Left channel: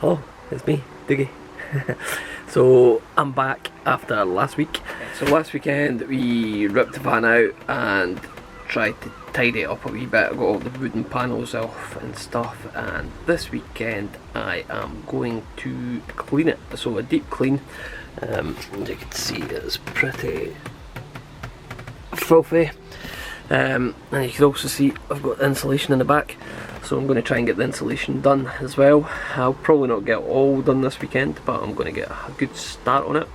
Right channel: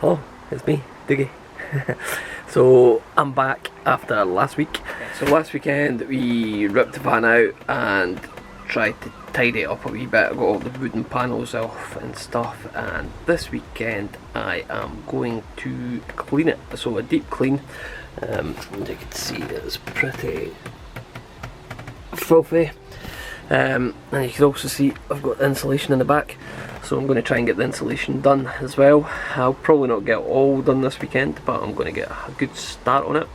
Hello, it's me, Diggy. So I'm back after last week. So last weekend we ripped the van out and tried to tidy it up a wee bit. I got all the wooden panels off and stuff, and this weekend I am going to clean it. So a deep clean. As you can see, it's pretty filthy. And you can also see I've got insulation in the back, so I'm going to try and get the insulation done as well. I'll probably not get all done this weekend, but I'm going to get a good start on it.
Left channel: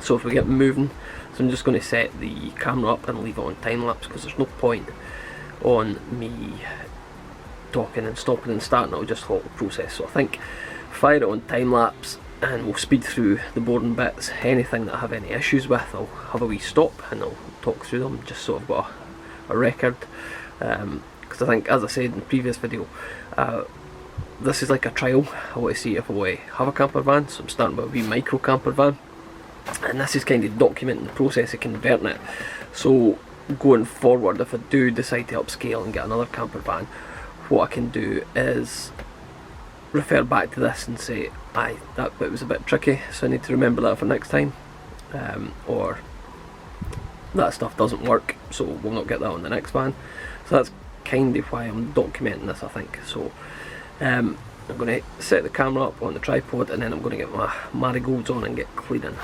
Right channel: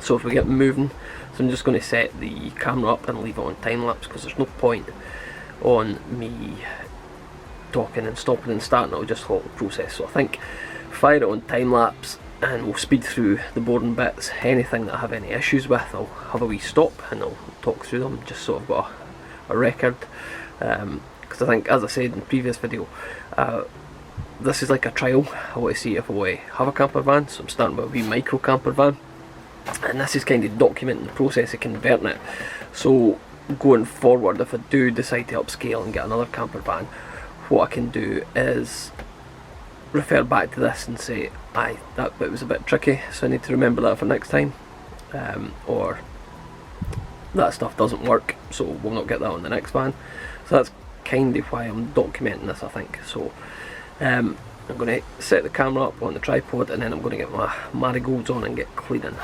So if we get moving, so I'm just going to set the camera up and leave it on time lapse, because there's no point on me talking and stopping and starting. It'll just halt the process. So I think fire it on time lapse and we'll speed through the boring bits. Anything that I have any issues with, I'll have a wee stop and I'll talk through them, just so I've got a record, because I think, as I said in the previous video, this is like a trial. I want to see if I want to have a camper van, so I'm starting with a wee micro camper van, and this is kind of documenting the process of converting it. So going forward, if I do decide to upscale and get another camper van, what I can do is refer back to this and say, aye, that bit was a bit tricky, so I need to remember that for next time, or that stuff doesn't work, so we'll not get that on the next van. So that's kind of why I'm documenting this, I think. So I'm going to set the camera up on the tripod, and then I'm going to get my marigolds on and get cleaning.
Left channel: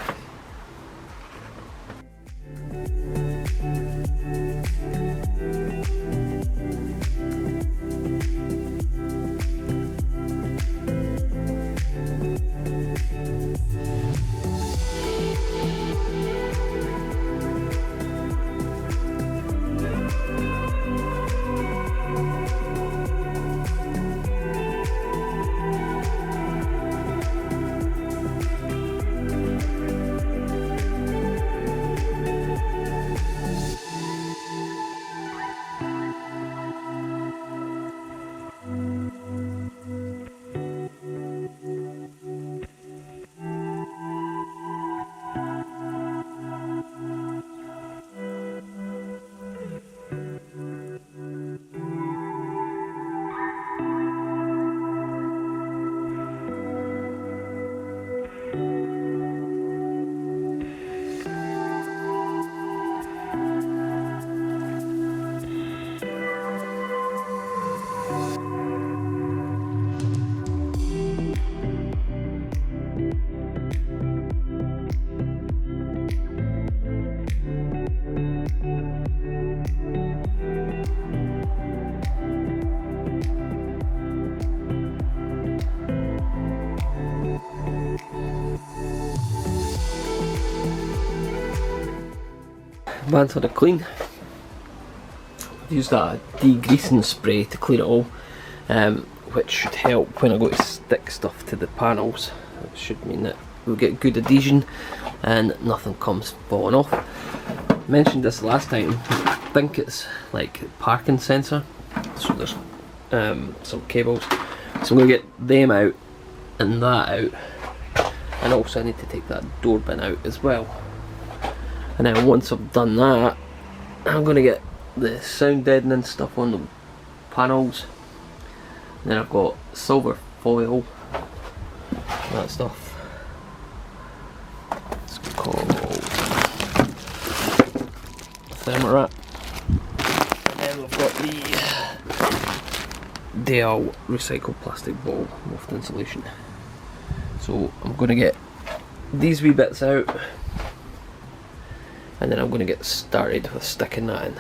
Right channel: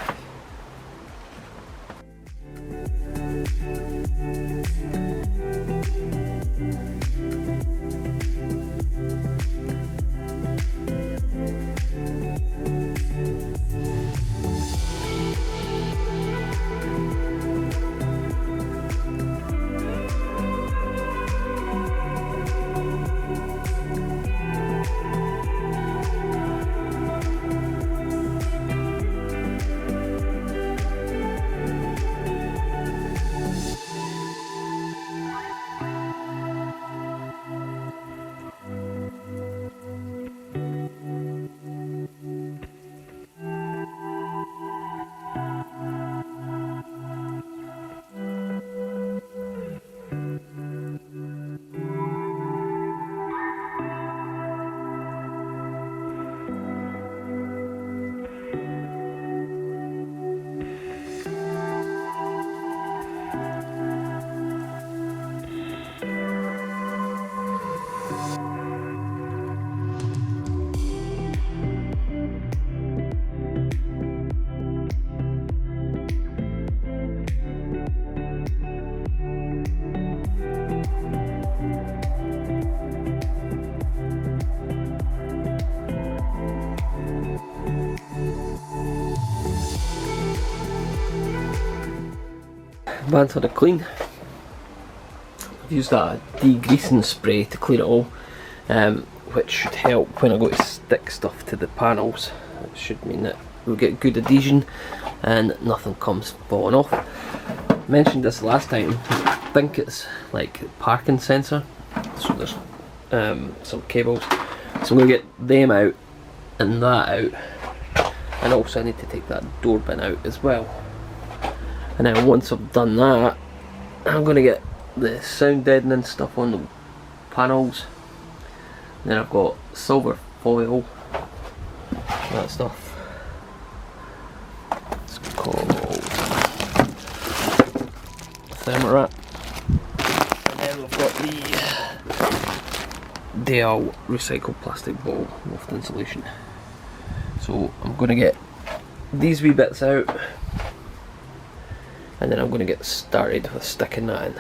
Van's had a clean. I've used that degreasing spray to clean it all, which should help when I go to stick stuff to the panels. It should mean that we'll get good adhesion and nothing comes falling off. I mentioned this last time, I think it's like parking sensor, so there's some cables, so I'm going to get them out and that out, and also I need to take that door bin out as well. And then once I've done that, I'm going to get the sound deadening stuff on the panels. And then I've got silver foil, that stuff. It's called Thermorat. And then we've got the Dale recycled plastic bottle with insulation. So I'm going to get these wee bits out, and then I'm going to get started with sticking that in.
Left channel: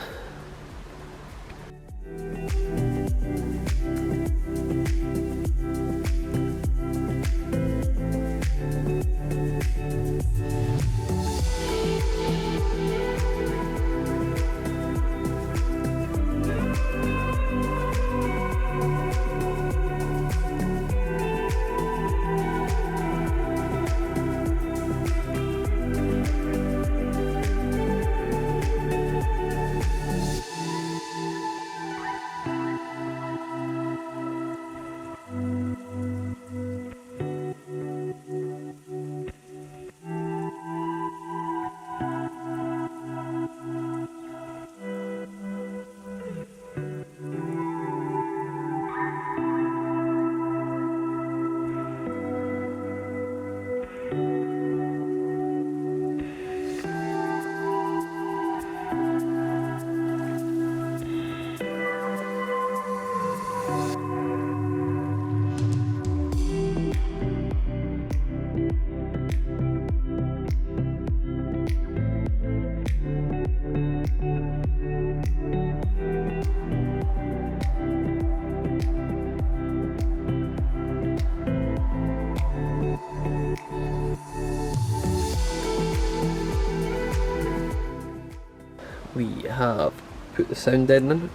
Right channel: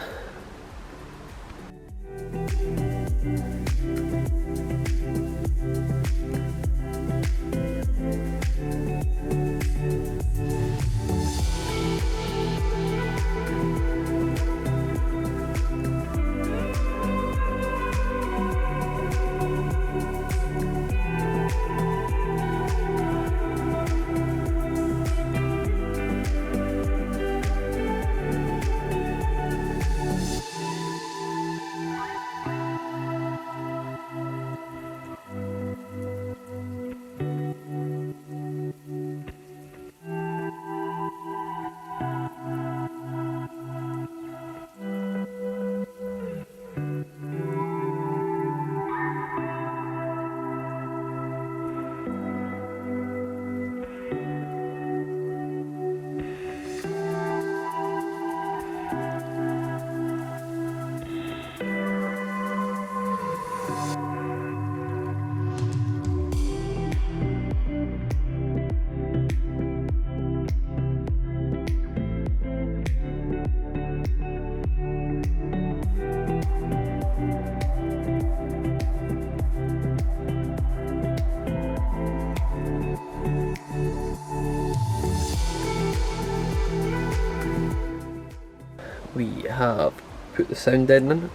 we have put the sound deadening,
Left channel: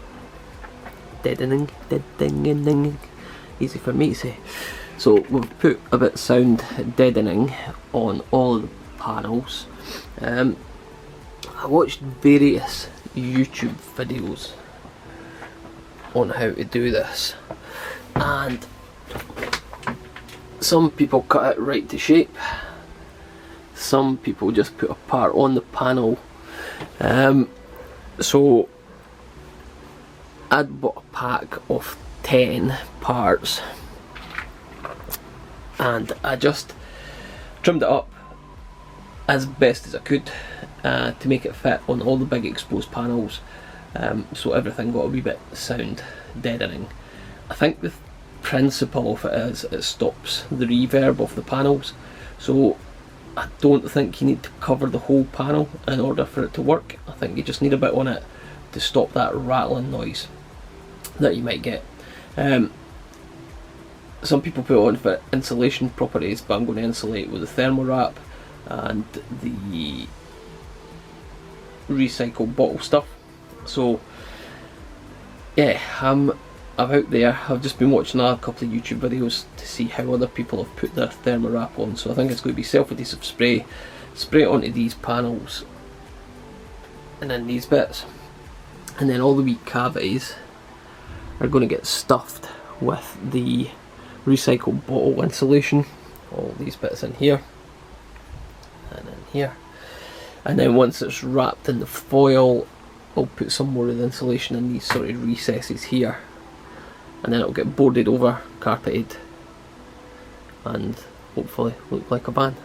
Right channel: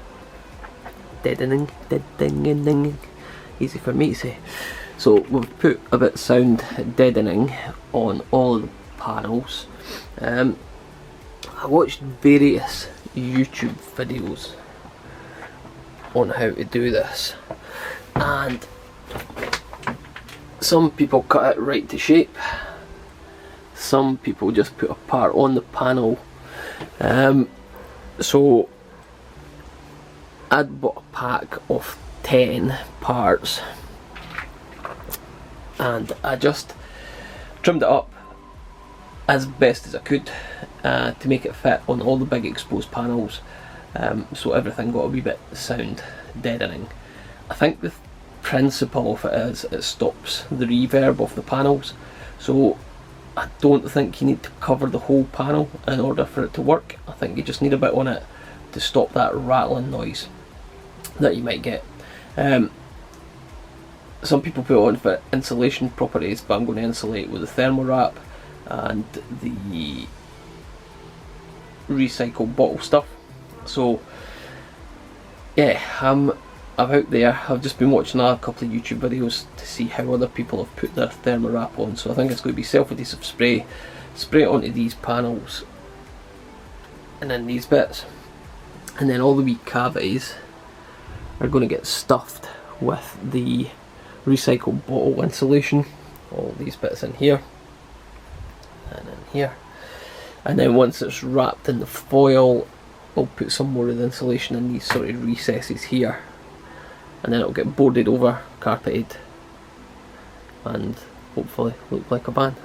easy for me to say. So we've put a bit of sound deadening on all the panels. I watched various YouTube videos on how to do this, and some people cut it right to shape, some people just put a part on the panel. So I'd bought a pack of 10 parts and I just trimmed it up as best as I could to make it fit on all the big exposed panels, so everything got a wee bit sound deadening. I think the principle of it is it stops the reverb of the panels, so I don't think you need to cover the whole panel in order for it to work. I think you just need a bit on it to stop that rattling noise that you might get. Some people put it on for insulation properties, but I'm going to insulate with the thermal wrap and the recycled bottle stuff. So yeah, I'm out there. I've just been watching a couple of YouTube videos to see how other people have put their thermal wrap on. So I think it's going to be self-adhesive spray, spray it onto these panels and then these bits, and then all the wee cavities are going to get stuffed with the recycled bottle insulation. All these bits in here and in here, and then once it's wrapped in the foil, I'll put some more of the insulation in these sort of recesses here, and then it'll get boarded over, carpeted, and hopefully look like a van.